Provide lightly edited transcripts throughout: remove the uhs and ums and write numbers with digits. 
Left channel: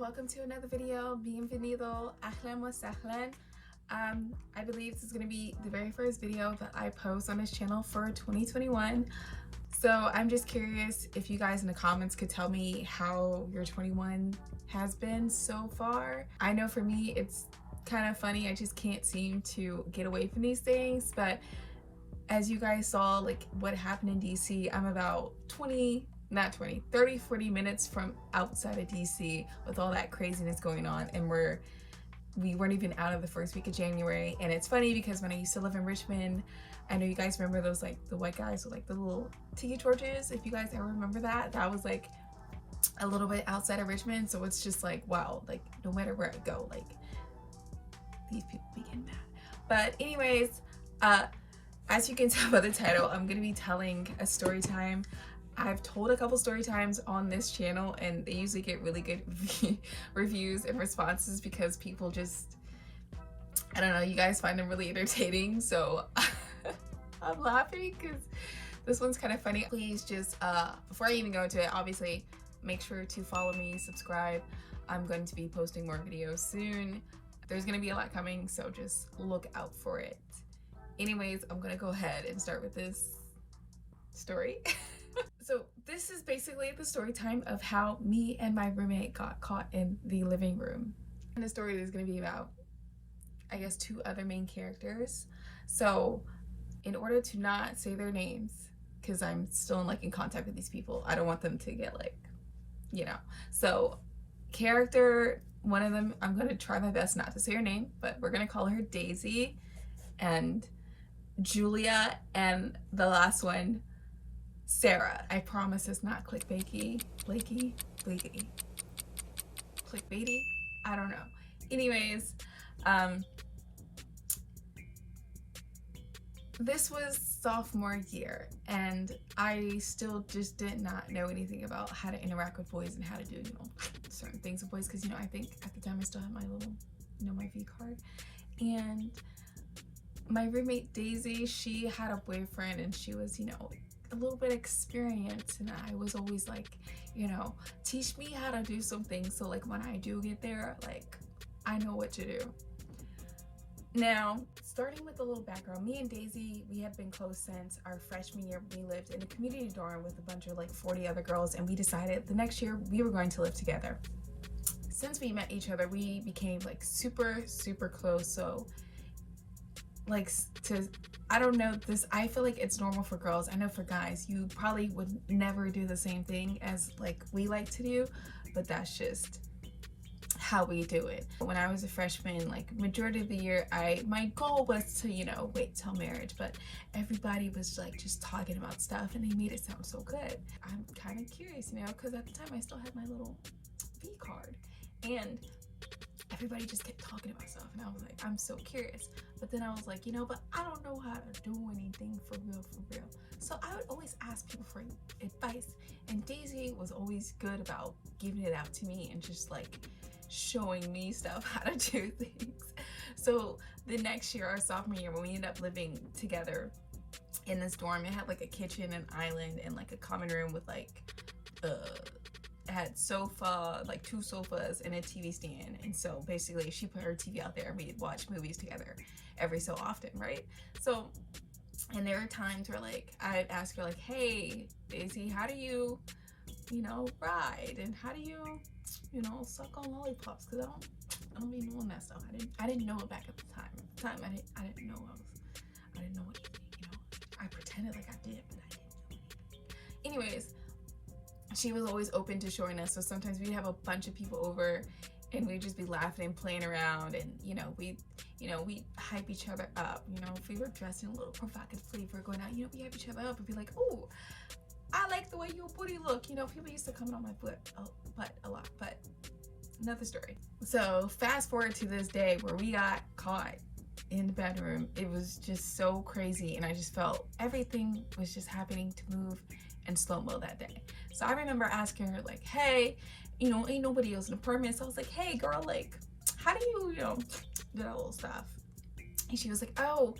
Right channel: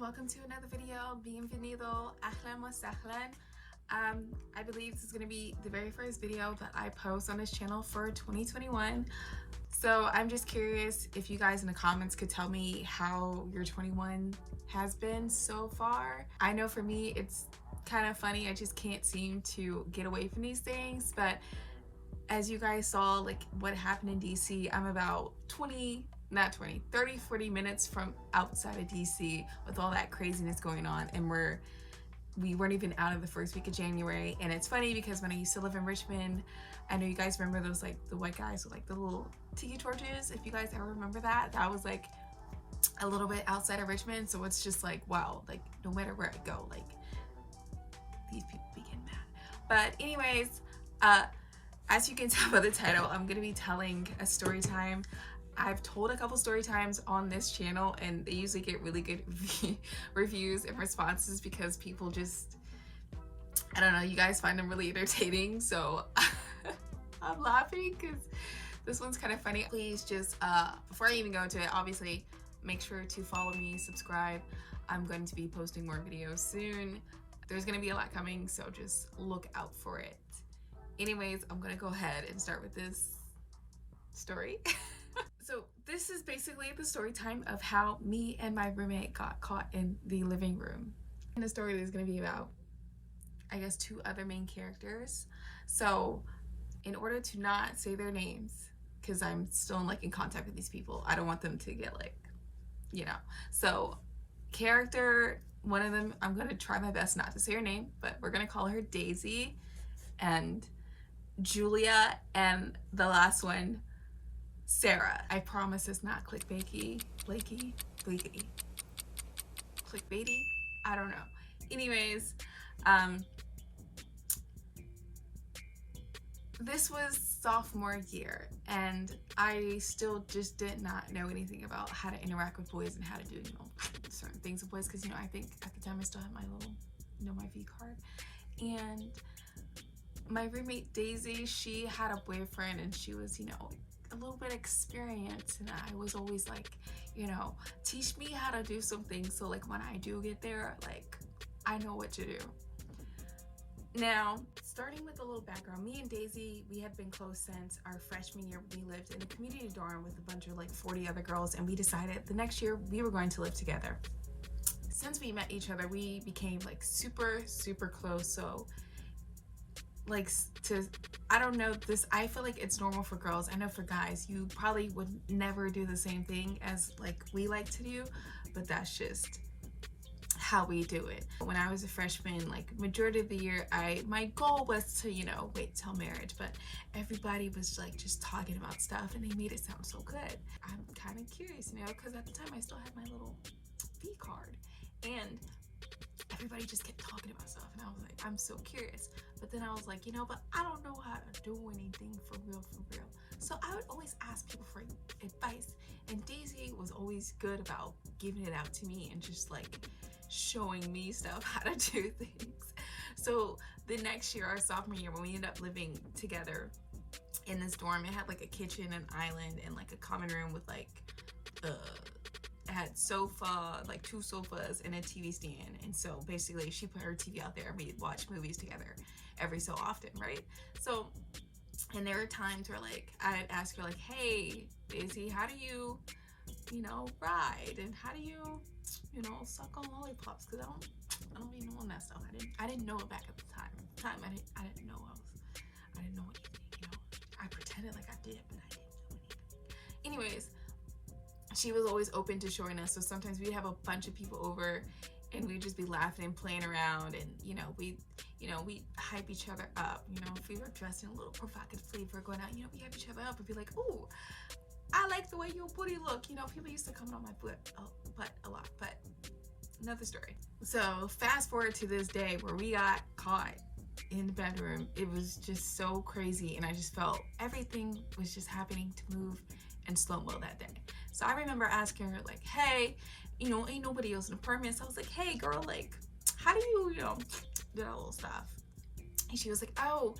welcome to another video. Bienvenido, ahlan wa sahlan. I believe this is going to be the very first video that I post on this channel for 2021. So I'm just curious if you guys in the comments could tell me how your 21 has been so far. I know for me it's kind of funny, I just can't seem to get away from these things, but as you guys saw, like what happened in DC, I'm about 30, 40 minutes from outside of DC with all that craziness going on, and we weren't even out of the first week of January. And it's funny because when I used to live in Richmond, I know you guys remember those, like the white guys with like the little tiki torches. If you guys ever remember that, that was like a little bit outside of Richmond. So it's just like, wow, like no matter where I go, like these people be getting mad. But anyways, as you can tell by the title, I'm gonna be telling a story time. I've told a couple story times on this channel and they usually get really good reviews and responses because people just, I don't know, you guys find them really entertaining. So I'm laughing because this one's kind of funny. Please just, before I even go into it, obviously make sure to follow me, subscribe. I'm going to be posting more videos soon. There's gonna be a lot coming, so just look out for it. Anyways, I'm gonna go ahead and start with this story. So this is basically the story time of how me and my roommate got caught in the living room. And the story is going to be about, I guess, two other main characters. So in order to not say their names, because I'm still in contact with these people, I don't want them to get so character, one of them, I'm going to try my best not to say her name, but we're going to call her Daisy and Julia, and the last one, Sarah. I promise it's not clickbaity, clickbaity. I don't know. Anyways, this was sophomore year and I still just did not know anything about how to interact with boys and how to do, certain things with boys, because, I think at the time I still had my little, my V card. And my roommate Daisy, she had a boyfriend and she was, a little bit experienced, and I was always like, teach me how to do something so like when I do get there, like I know what to do. Now, starting with a little background, me and Daisy, we had been close since our freshman year. We lived in a community dorm with a bunch of 40 other girls, and we decided the next year we were going to live together. Since we met each other, we became super close. So I don't know, I feel like it's normal for girls. I know for guys, you probably would never do the same thing as we like to do, but that's just how we do it. When I was a freshman, majority of the year, my goal was to, wait till marriage, but everybody was just talking about stuff and they made it sound so good. I'm kind of curious now because at the time I still had my little V card and everybody just kept talking about stuff and I was like, I'm so curious. But then I was like, but I don't know how to do anything for real. So I would always ask people for advice, and Daisy was always good about giving it out to me and just showing me stuff, how to do things. So the next year, our sophomore year, when we ended up living together in this dorm, it had a kitchen, an island, and a common room with it had sofa, 2 sofas and a TV stand. And so basically she put her TV out there and we'd watch movies together every so often, right? So, and there were times where I'd ask her hey Daisy, how do you ride, and how do you suck on lollipops, because I don't be knowing that stuff. I didn't know it back at the time. I didn't know anything, I pretended like I did, but I didn't know anything. Anyways, she was always open to showing us. So sometimes we'd have a bunch of people over and we'd just be laughing and playing around, and we'd hype each other up. If we were dressing a little provocatively, if we're going out, we hype each other up and be like, oh, I like the way your booty look. People used to comment on my butt a lot, but another story. So fast forward to this day where we got caught in the bedroom. It was just so crazy, and I just felt everything was just happening to move in slow-mo that day. So I remember asking her hey, ain't nobody else in the apartment. So I was like, hey girl, how do you, do that little stuff? And she was like, oh,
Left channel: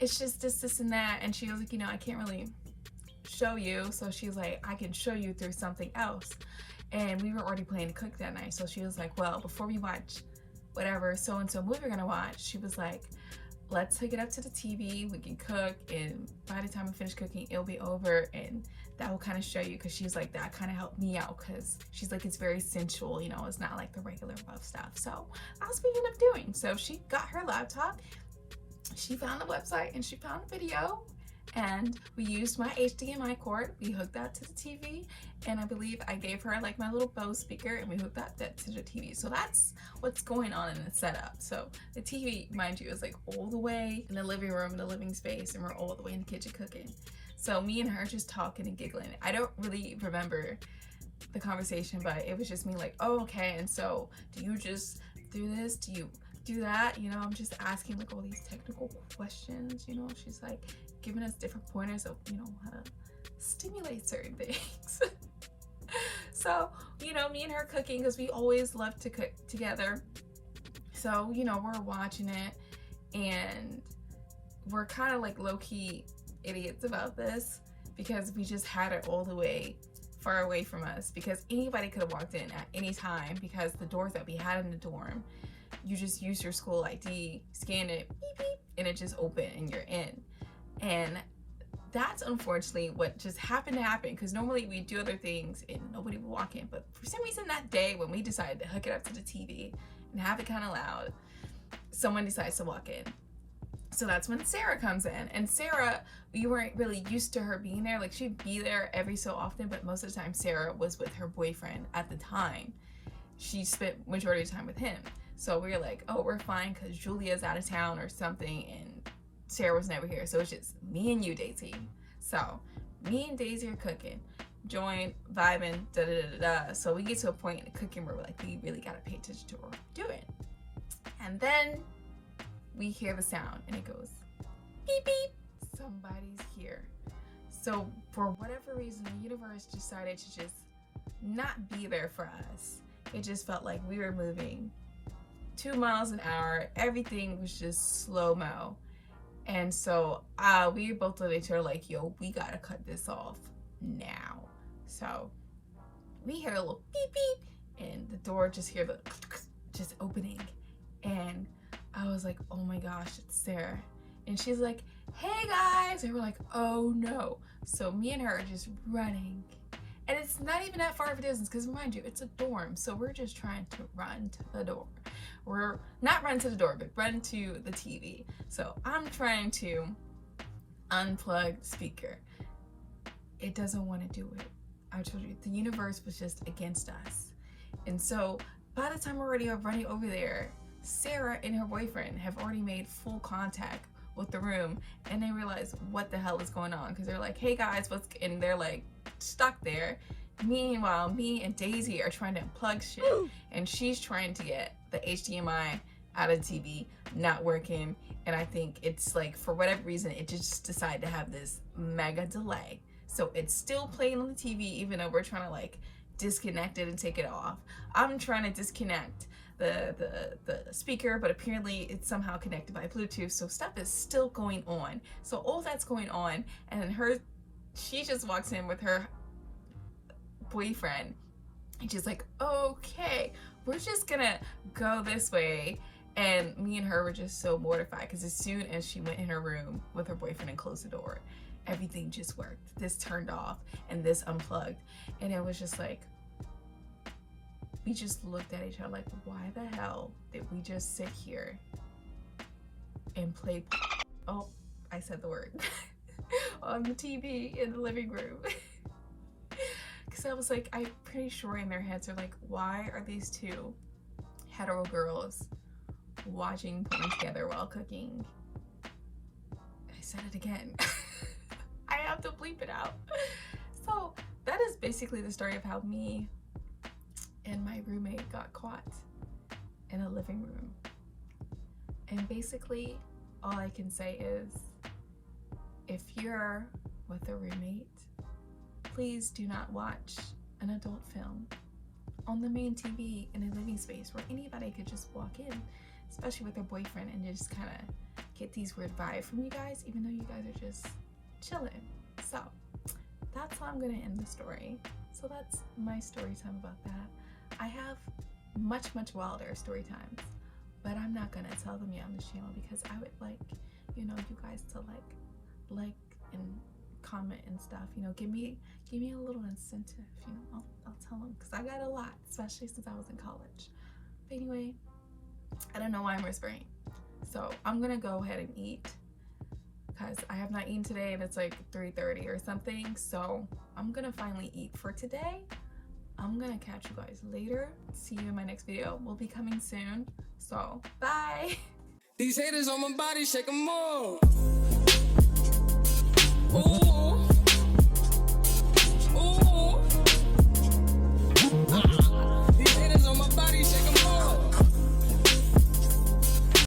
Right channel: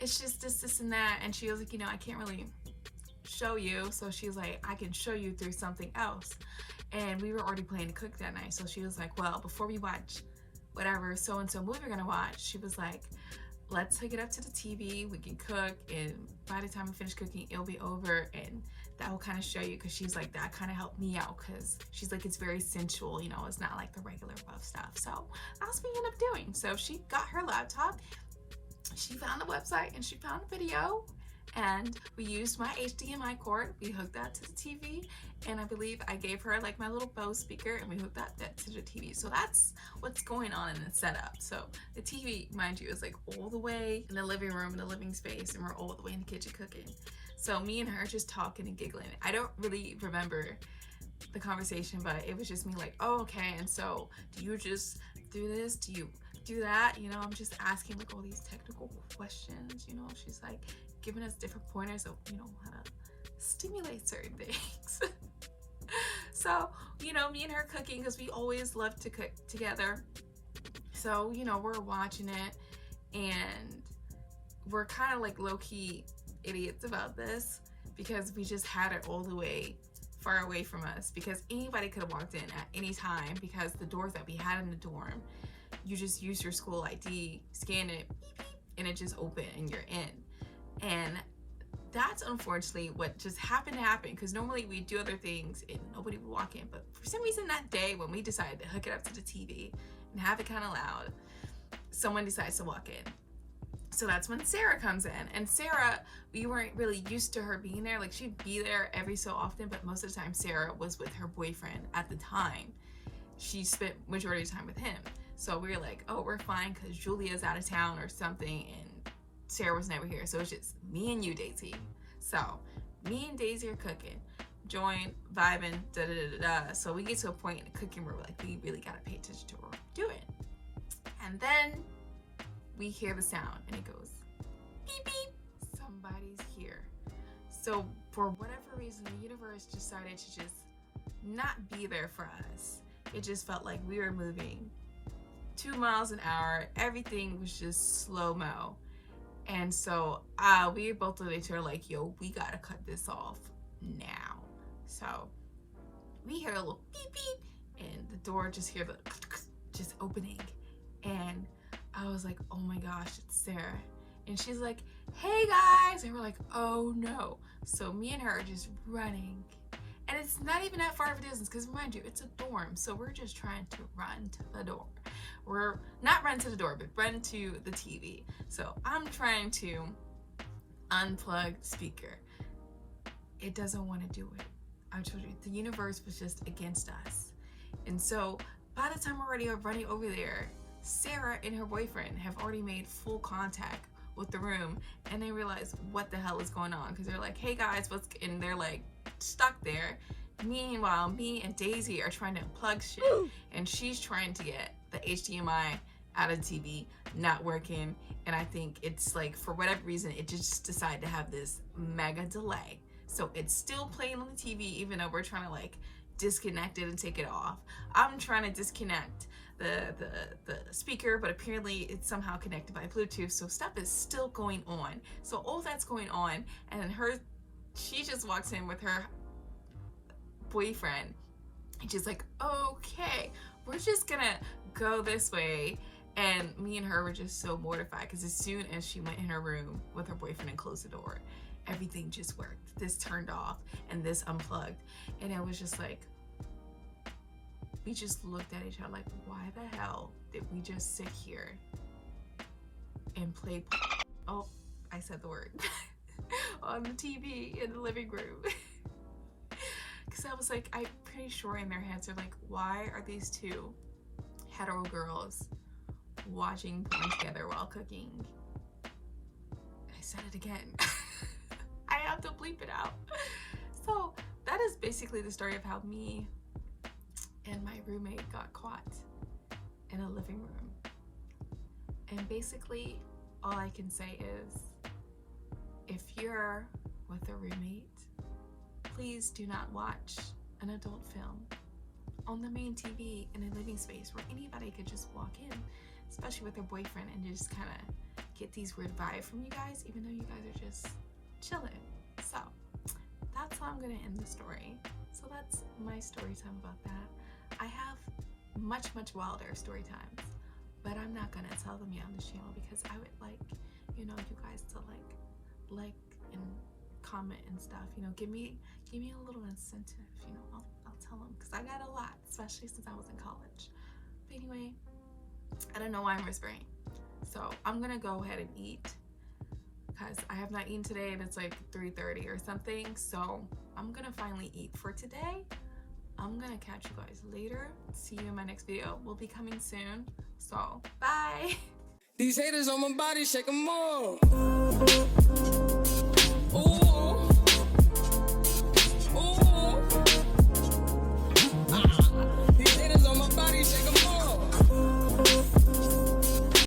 it's just this and that. And she was like, I can't really show you. So she's like, I can show you through something else. and we were already planning to cook that night. So she was like, well, before we watch whatever so-and-so movie we're gonna watch, she was like, let's hook it up to the TV, we can cook, and by the time we finish cooking, it'll be over, and that will kind of show you, because she's like, that kind of helped me out, because she's like, it's very sensual, you know, it's not like the regular rough stuff. So that's what we ended up doing. So she got her laptop, she found the website, and she found a video, and we used my HDMI cord, we hooked that to the TV, and I believe I gave her like my little Bose speaker, and we hooked that to the TV. So that's what's going on in the setup. So the TV, mind you, is like all the way in the living room, in the living space, and we're all the way in the kitchen cooking. So me and her just talking and giggling. I don't really remember the conversation, but it was just me like, oh, okay, and so do you just do this? Do you do that? You know, I'm just asking like all these technical questions, you know. She's like giving us different pointers of, you know, how to stimulate certain things. So, you know, me and her cooking, because we always love to cook together. So, you know, we're watching it, and we're kind of like low-key idiots about this, because we just had it all the way far away from us, because anybody could have walked in at any time, because the doors that we had in the dorm, you just use your school ID, scan it, beep, beep, and it just opened and you're in. And that's unfortunately what just happened to happen, because normally we do other things and nobody would walk in, but for some reason that day when we decided to hook it up to the TV and have it kind of loud, someone decides to walk in. So that's when Sarah comes in, and Sarah, we weren't really used to her being there. Like, she'd be there every so often, but most of the time Sarah was with her boyfriend at the time. She spent majority of the time with him. So we were like, oh, we're fine, because Julia's out of town or something, and Sarah was never here. So it's just me and you, Daisy. So me and Daisy are cooking, join, vibing, da da da da. So we get to a point in the cooking where we're like, we really gotta pay attention to what we're doing. And then we hear the sound, and it goes beep beep. Somebody's here. So for whatever reason, the universe decided to just not be there for us. It just felt like we were moving 2 miles an hour. Everything was just slow-mo. And so we both looked at each other like, yo, we gotta cut this off now. So we hear a little beep beep, and the door just hear the just opening. And I was like, oh my gosh, it's Sarah. And she's like, hey guys. And we're like, oh no. So me and her are just running. And it's not even that far of a distance, because mind you, it's a dorm. So we're just trying to run to the door. We're not run to the door, but run to the TV. So I'm trying to unplug speaker. It doesn't want to do it. I told you, the universe was just against us. And so by the time we're already running over there, Sarah and her boyfriend have already made full contact with the room, and they realize what the hell is going on, because they're like, hey guys, what's, and they're like stuck there. Meanwhile, me and Daisy are trying to unplug shit, and she's trying to get the HDMI out of the TV, not working. And I think it's like, for whatever reason, it just decided to have this mega delay. So it's still playing on the TV, even though we're trying to like disconnect it and take it off. I'm trying to disconnect the speaker, but apparently it's somehow connected by Bluetooth, so stuff is still going on. So all that's going on, and then she just walks in with her boyfriend, and she's like, okay, we're just gonna go this way. And me and her were just so mortified, because as soon as she went in her room with her boyfriend and closed the door, everything just worked. This turned off and this unplugged, and it was just like, we just looked at each other like, why the hell did we just sit here and play, oh, I said the word, on the TV in the living room? Because I was like, I'm pretty sure in their heads are like, why are these two hetero girls watching porn together while cooking? I said it again. I have to bleep it out. So that is basically the story of how me and my roommate got caught in a living room. And basically all I can say is, if you're with a roommate, please do not watch an adult film on the main TV in a living space where anybody could just walk in, especially with their boyfriend, and just kind of get these weird vibes from you guys, even though you guys are just chilling. So that's how I'm gonna end the story. So that's my story time about that. I have much wilder story times, but I'm not gonna tell them yet on this channel because I would like, you know, you guys to like and comment and stuff. You know, give me a little incentive. You know, I'll tell them because I got a lot, especially since I was in college. But anyway, I don't know why I'm whispering. So I'm gonna go ahead and eat because I have not eaten today and it's like 3:30 or something. So I'm gonna finally eat for today. I'm gonna catch you guys later. See you in my next video. Will be coming soon. So bye. These haters on my body, shake them off.